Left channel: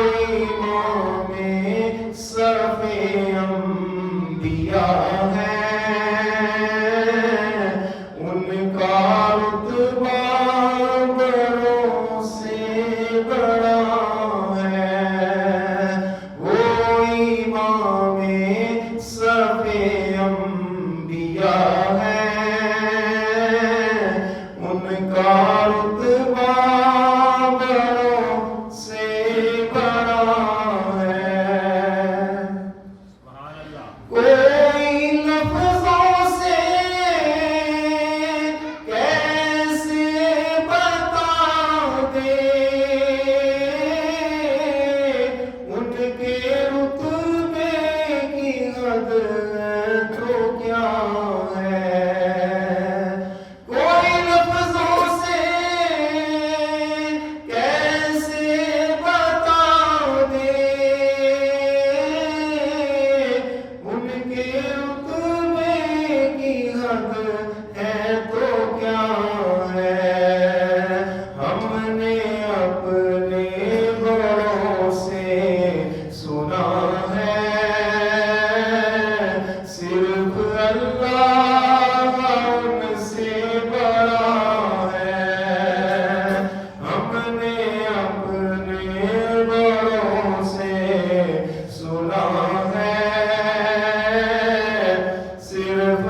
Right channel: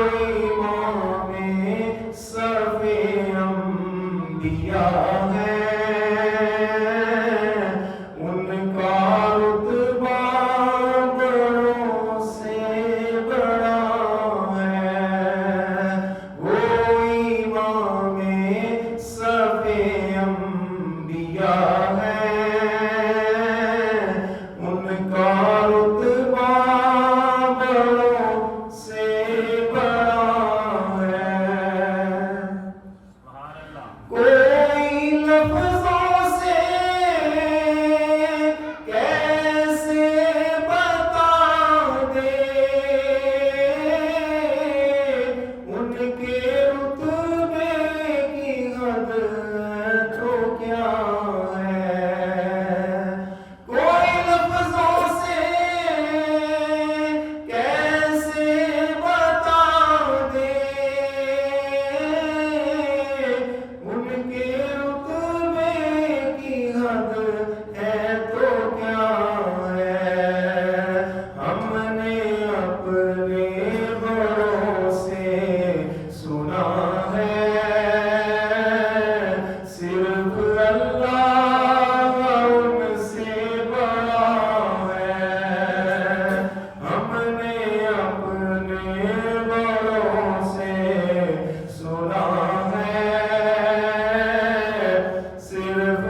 امام صف انبیاء ہے، ان کا رتبہ بڑوں سے بڑا ہے، وہ امام صف انبیاء ہے، ان کا رتبہ بڑوں سے بڑا ہے۔ کوئی لفظوں سے کیسے بتا دے ان کے رتبے کی حد تو کیا ہے، کوئی لفظوں سے کیسے بتا دے ان کے رتبے کی حد ہے تو کیا ہے، ہم نے اپنے بڑوں سے سنا ہے، صرف اللہ ان سے بڑا ہے، ہم نے اپنے بڑوں سے سنا ہے، صرف